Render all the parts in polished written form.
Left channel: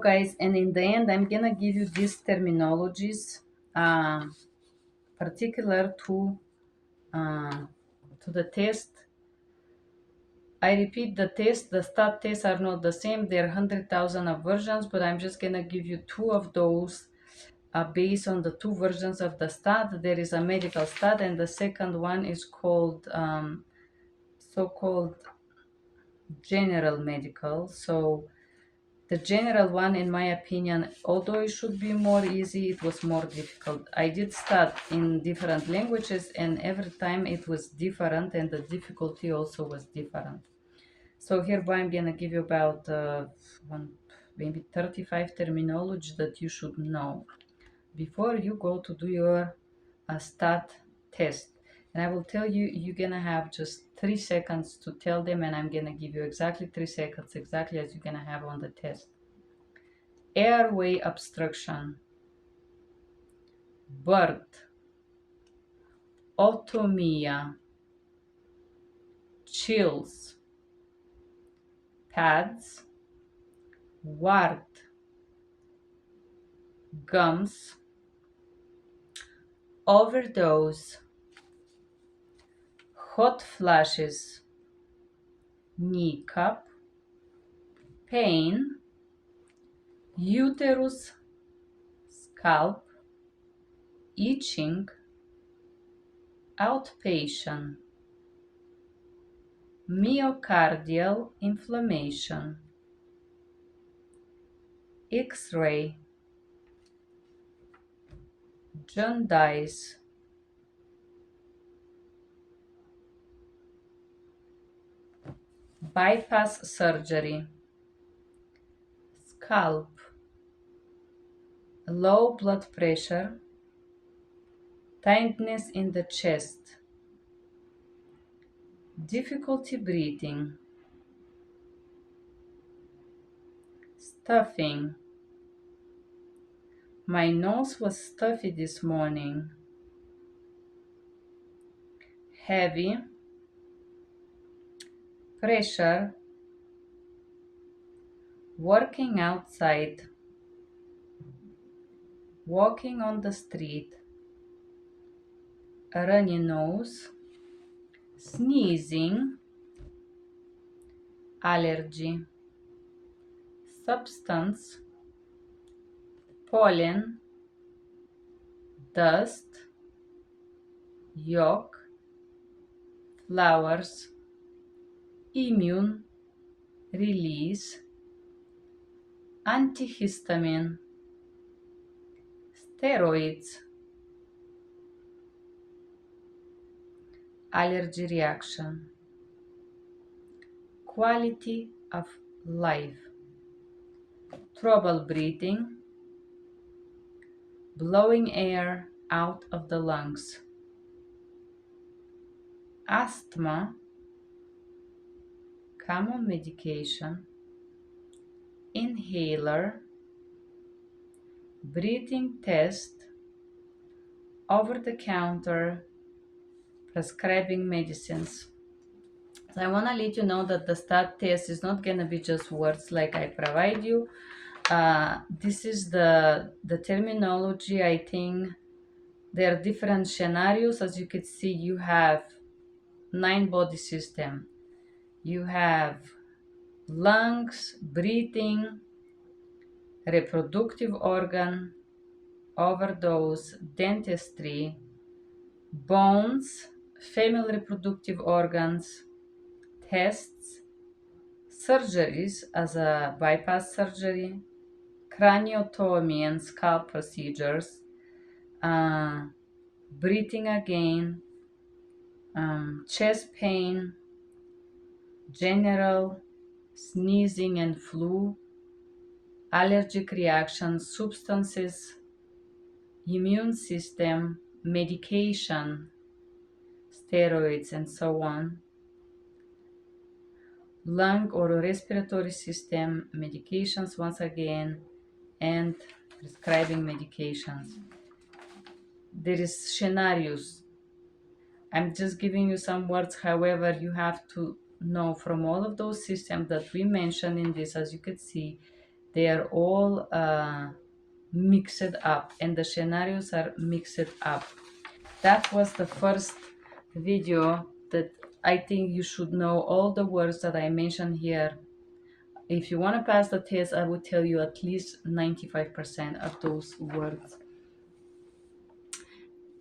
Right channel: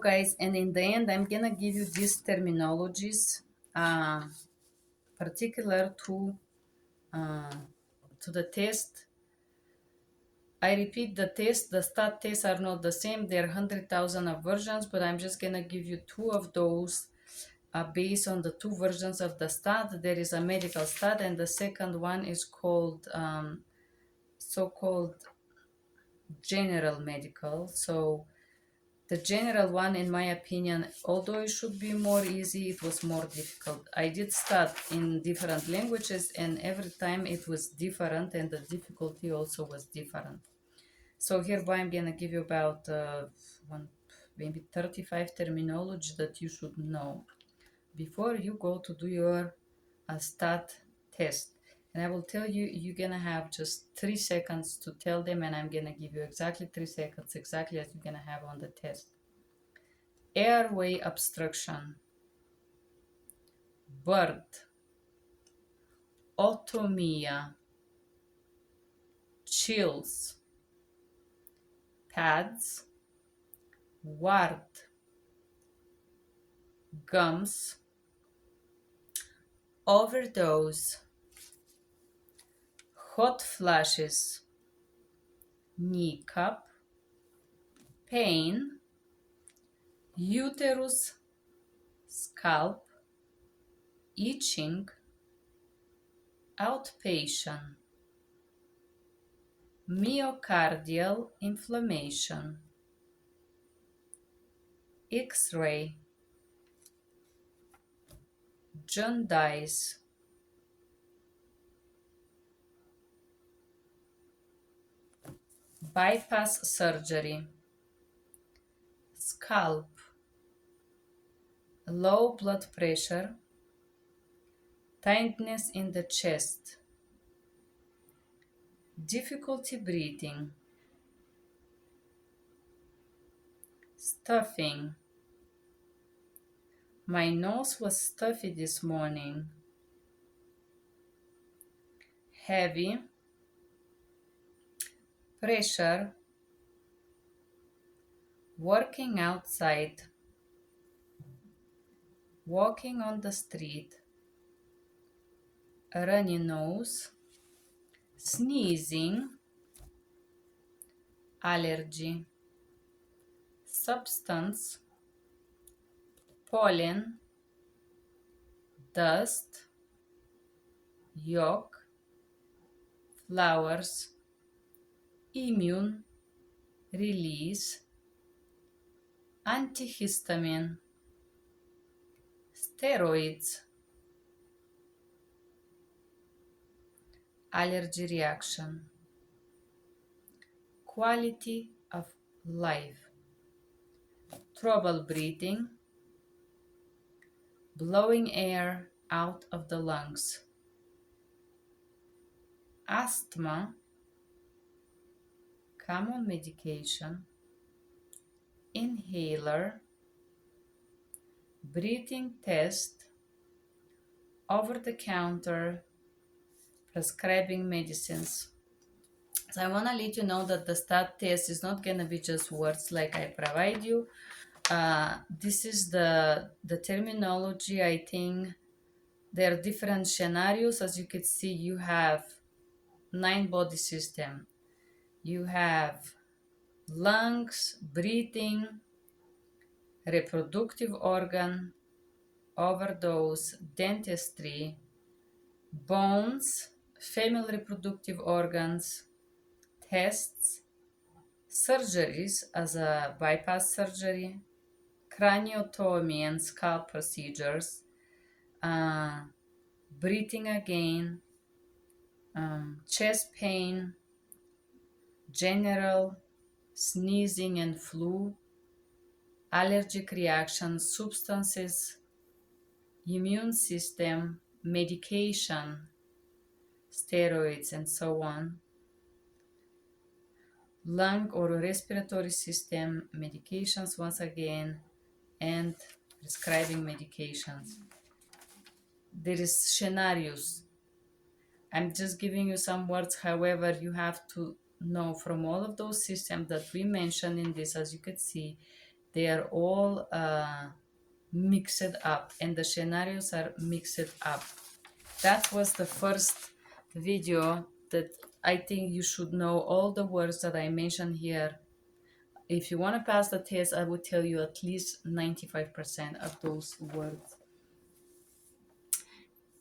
Guys, and in the end I'm gonna give you these terminologies particular uh, to the test. I repeat, the stat tests are not the same. There are 100,000 of versions, but I'm just gonna give you two of those based on the two versions of the stat. There is a medical stat, and the second one is called so-called general medical. So the general one, in my opinion, although it should be more easy, it was more difficult. I did start in different languages, and every time it was different, and the difficulty also was different. So hereby I'm gonna give you about maybe 35 terminology that you should know before you go to do your stat test. And I will tell you, you're gonna have just 3 seconds to tell them, and I'm gonna give you exactly 3 seconds, exactly as you're gonna have on the test. Airway obstruction, birth, otomia, chills, pads, wart, gums, overdose, hot flashes, knee cup, pain, uterus, scalp, itching, outpatient, myocardial inflammation, X-ray, jaundice, bypass surgery, scalp, low blood pressure, tightness in the chest, difficulty breathing, stuffing. My nose was stuffy this morning. Heavy, pressure, working outside, walking on the street, a runny nose, sneezing, allergy, substance, pollen, dust, yolk, flowers, immune, release, antihistamine, steroids, allergy reaction, quality of life, trouble breathing, blowing air out of the lungs, asthma, common medication, inhaler, breathing test, over-the-counter, prescribing medicines. So I want to let you know that the stat test is not going to be just words like I provide you. This is the terminology. I think there are different scenarios. As you can see, you have 9 body system. You have lungs, breathing, reproductive organ, overdose, dentistry, bones, female reproductive organs, tests, surgeries as a bypass surgery, craniotomy and scalp procedures, breathing again, chest pain, general, sneezing and flu, allergic reactions, substances, immune system, medication, steroids, and so on, lung or respiratory system, medications once again, and prescribing medications. There is scenarios. I'm just giving you some words. However, you have to know from all of those systems that we mentioned in this, as you could see, They are all mixed up, and the scenarios are mixed up. That was the first video that I think you should know all the words that I mentioned here. If you want to pass the test, I would tell you at least 95% of those words.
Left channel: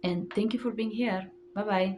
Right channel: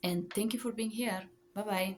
And thank you for being here. Bye bye.